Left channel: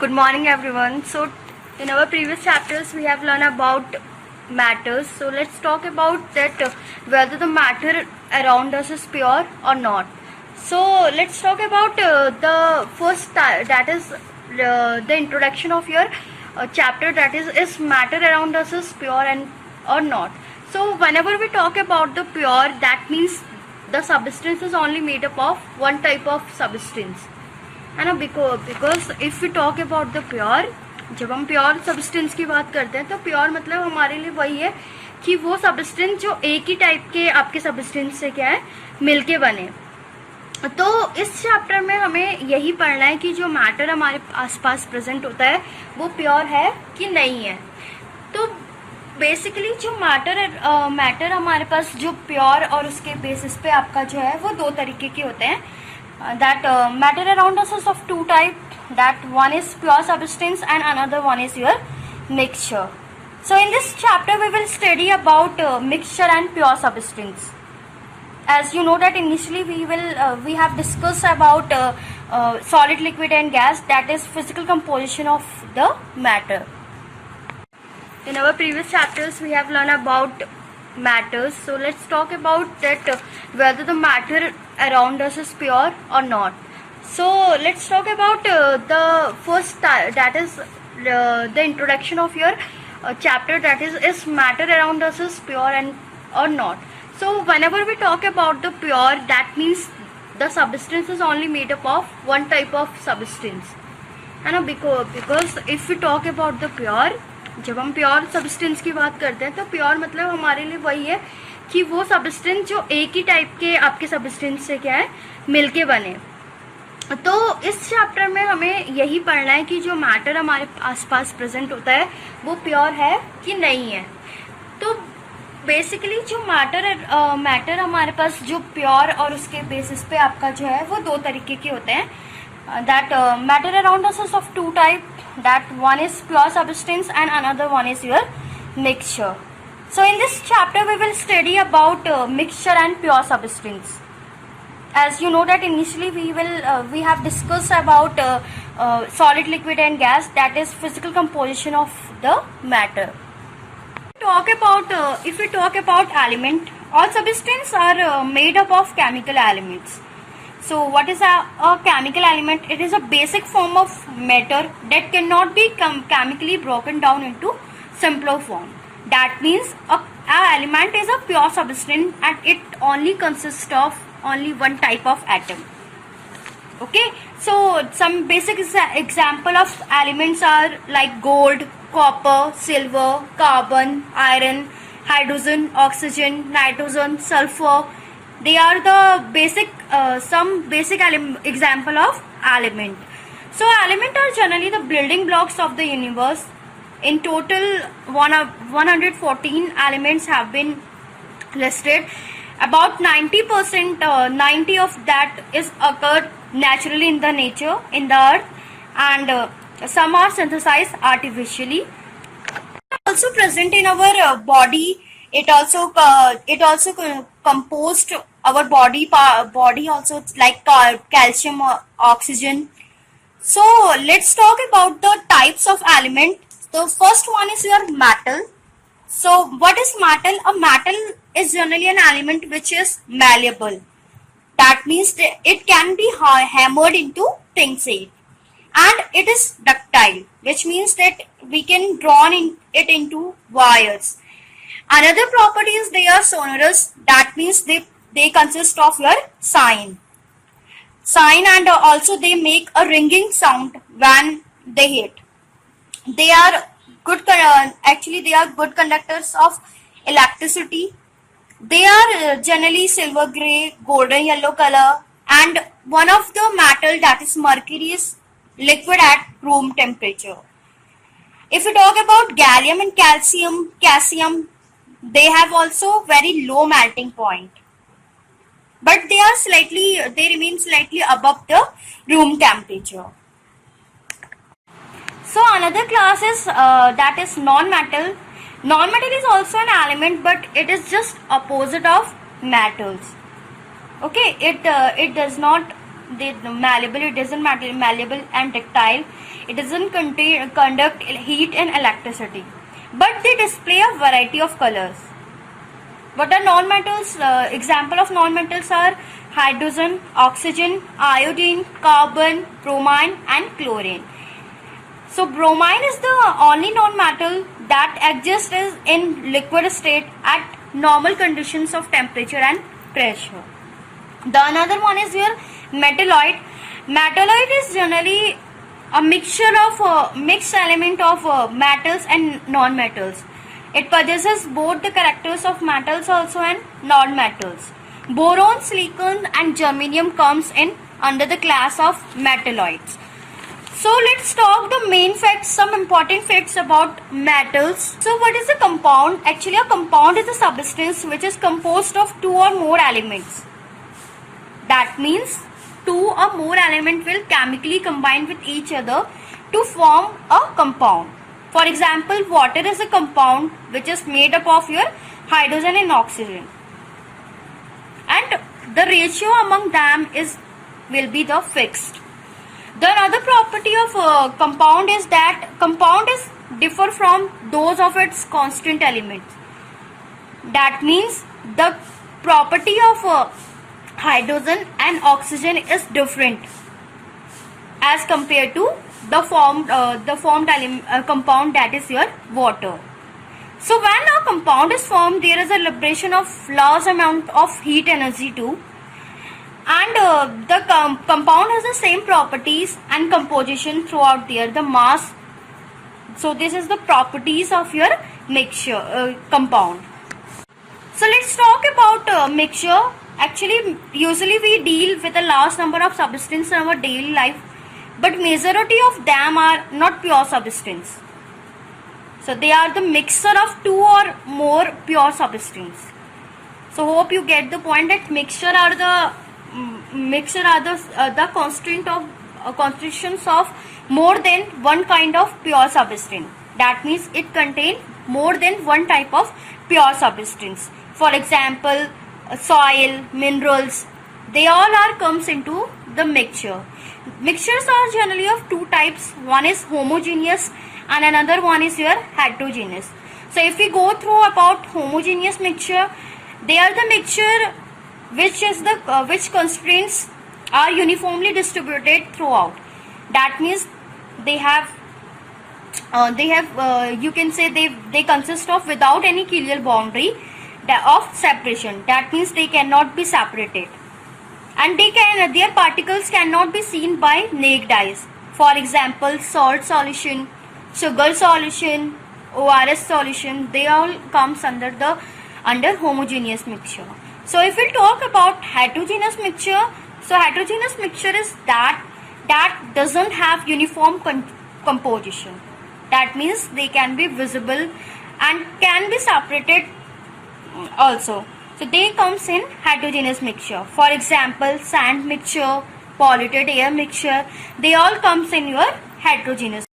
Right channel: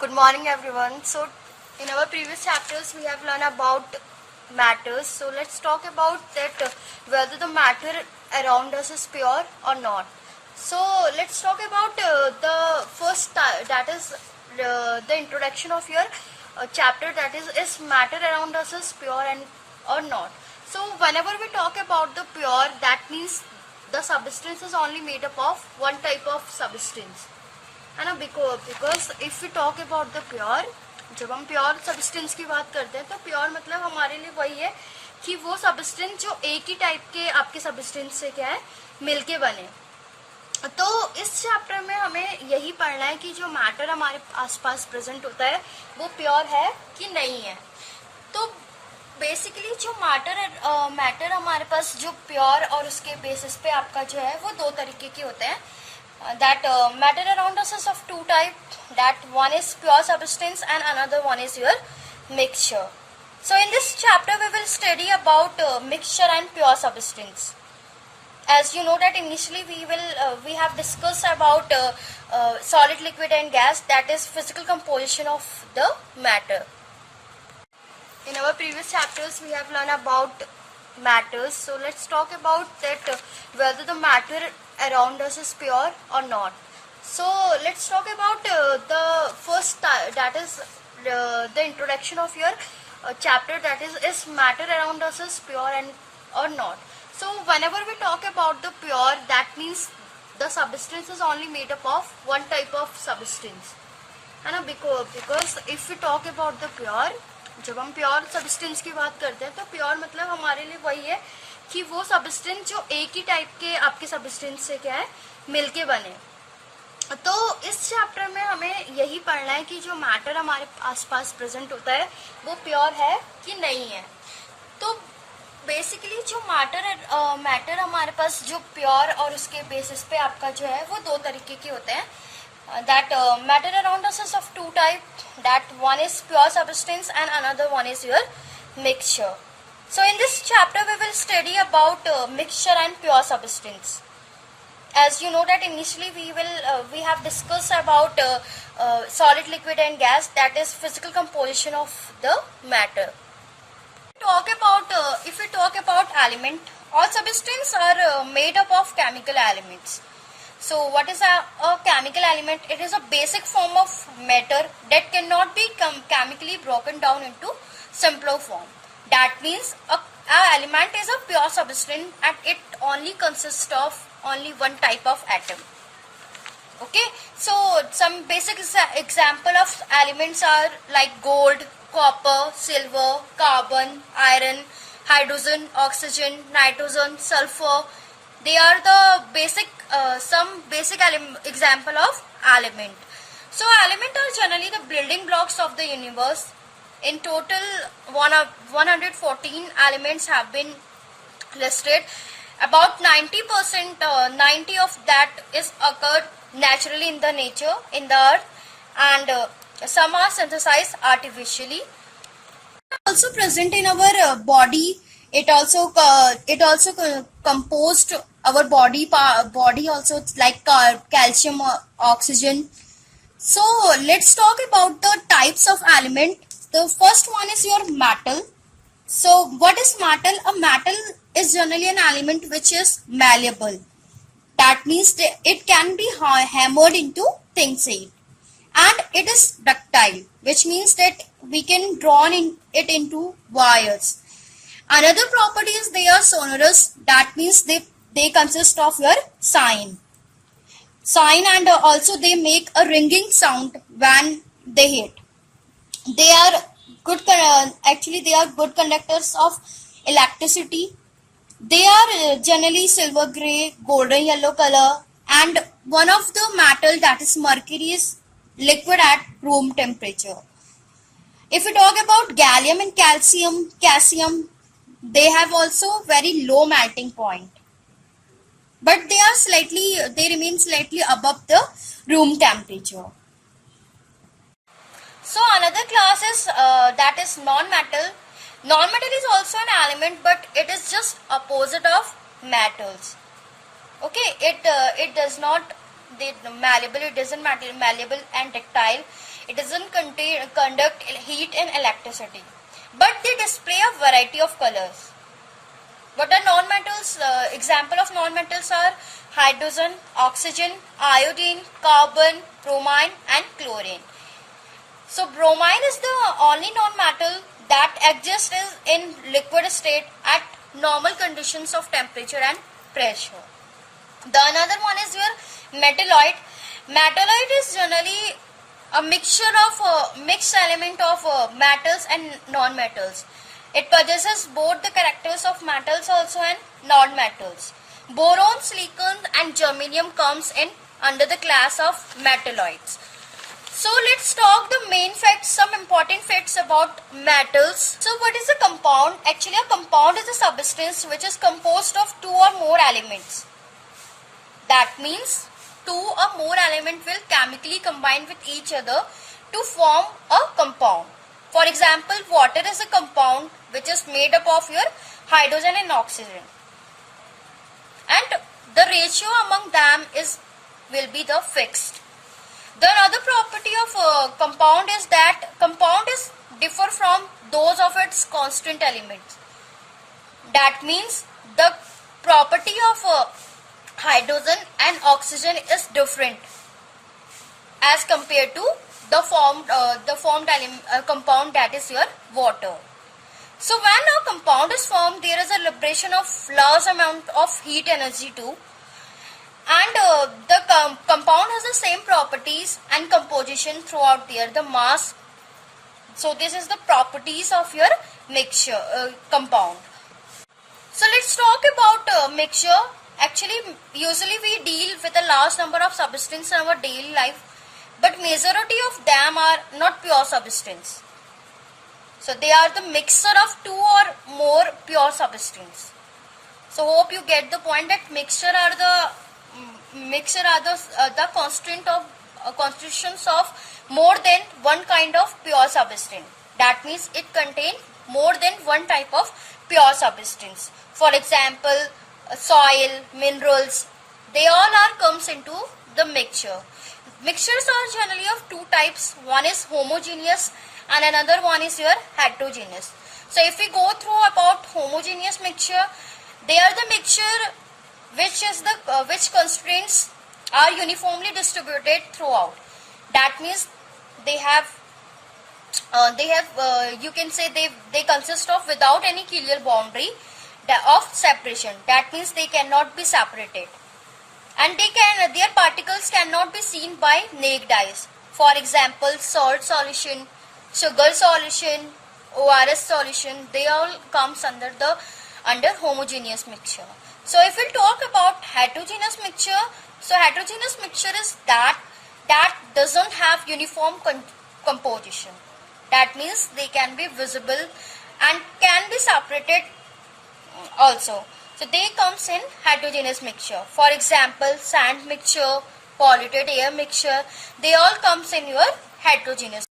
Good morning, everyone. So, in our previous chapters, we have learned about matters. So, let's talk about that whether the matter around us is pure or not. So, let's talk about the first that is the introduction of your chapter, that is matter around us is pure and or not. So, whenever we talk about the pure, that means the substance is only made up of one type of substance. है ना. Because if you talk about the pure, जब हम pure substance की बात करते हैं तो pure मतलब हमारे लिए वही है कि वो सब्सटेंस जो एक ही टाइप के आपके सब्सटेंस से क्या है मिलके बने. तो इस चैप्टर में हमें यही पढ़ना है कि जो मैटर हमारे आसपास प्रेजेंट होता है वो प्योर है कि नहीं है. तो बेसिकली जो मैटर हमारे पास जो प्योर और उसके बेसिस पे आपका जो है वो दो तरीके के होते हैं. That matter around us is of two type, that one is pure substance and another one is your mixture. So in this chapter we will study about mixture and pure substance. As you know that initially we have discussed about solid, liquid and gas, that is physical composition of the matter. In our previous chapters we have learned about matters. So let's talk about that whether the matter around us is pure or not. So let's talk about the first that is the introduction of your chapter, that is matter around us is pure and or not. So whenever we talk about the pure, that means the substance is only made up of one type of substance, है ना. Because if you talk about the pure, जब हम pure substance की बात करते हैं तो pure मतलब हमारे लिए वही है कि वो सब्सटेंस जो एक ही टाइप के आपके सब्सटेंस से क्या है मिलके बने. तो इस चैप्टर में हमें यही पढ़ना है कि जो मैटर हमारे आसपास प्रेजेंट होता है वो प्योर है कि नहीं है. तो बेसिकली जो मैटर हमारे पास जो प्योर और उसके बेसिस पे आपका जो है वो दो तरीके के होते हैं. That matter around us is of two type, that one is pure substance and another one is your mixture. So in this chapter we will study about mixture and pure substance. As you know that initially we have discussed about solid, liquid and gas, that is physical composition of the matter. If we talk about element, all substances are made up of chemical elements. So what is a chemical element? It is a basic form of matter that cannot be chemically broken down into simpler form. That means a element is a pure substance and it only consists of only one type of atom. Okay, so some basic example of elements are like gold, copper, silver, carbon, iron, hydrogen, oxygen, nitrogen, sulfur. They are the some basic example of element. So element are generally the building blocks of the universe. In total 114 elements have been listed. About 90% 90 of that is occurred naturally in the nature, in the earth, and some are synthesized artificially. Also present in our body. It also composed our body also, like calcium, oxygen. So let's talk about the types of element. The first one is your metal. So what is metal? A metal is generally an element which is malleable. That means that it can be hammered into thin sheet, and it is ductile, which means that we can draw it into wires. Another property is they are sonorous. That means they consist of your sign, and also they make a ringing sound when they hit. They are good they are good conductors of electricity. They are generally silver gray, golden yellow color, and one of the metal, that is mercury, is liquid at room temperature. If we talk about gallium and caesium, they have also very low melting point, but they remain slightly above the room temperature. So another class is that is non-metal. Non-metal is also an element, but it is just opposite of metals. Okay, it does not they malleable, it isn't malleable and ductile, it doesn't conduct heat and electricity, but they display a variety of colors. What are non-metals? Example of non-metals are hydrogen, oxygen, iodine, carbon, bromine and chlorine. So bromine is the only non-metal that exists in liquid state at normal conditions of temperature and pressure. The another one is your metalloid. Metalloid is generally a mixture of mixed element of metals and non-metals. It possesses both the characters of metals also and non-metals. Boron, silicon and germanium comes in under the class of metalloids. So let's talk the main facts, some important facts about metals. So what is a compound? Actually a compound is a substance which is composed of two or more elements. That means two or more elements will chemically combine with each other to form a compound. For example, water is a compound which is made up of your hydrogen and oxygen. And the ratio among them will be the fixed. The another property of compound is that compound is differ from those of its constant elements. That means the property of hydrogen and oxygen is different as compared to the formed compound, that is your water. So when a compound is formed, there is a liberation of large amount of heat energy too, and the compound has the same properties and composition throughout the mass. So this is the properties of your mixture compound. So let's talk about mixture. Actually, usually we deal with a large number of substances in our daily life, but majority of them are not pure substance. So they are the mixture of two or more pure substance. So hope you get the point that mixture are the constitutions of more than one kind of pure substance. That means it contains more than one type of pure substance. For example, soil, minerals, they all comes into the mixture. Mixtures are generally of two types. One is homogeneous and another one is your heterogeneous. So if we go through about homogeneous mixture, they are the mixture which constraints are uniformly distributed throughout. That means they have you can say they consist of without any clear boundary of separation. That means they cannot be separated, and their particles cannot be seen by naked eyes. For example, salt solution, sugar solution, ORS solution, they all comes under homogeneous mixture. So if we talk about heterogeneous mixture, so heterogeneous mixture is that doesn't have uniform composition. That means they can be visible and can be separated also. So they comes in heterogeneous mixture. For example, sand mixture, polluted air mixture, they all comes in your heterogeneous.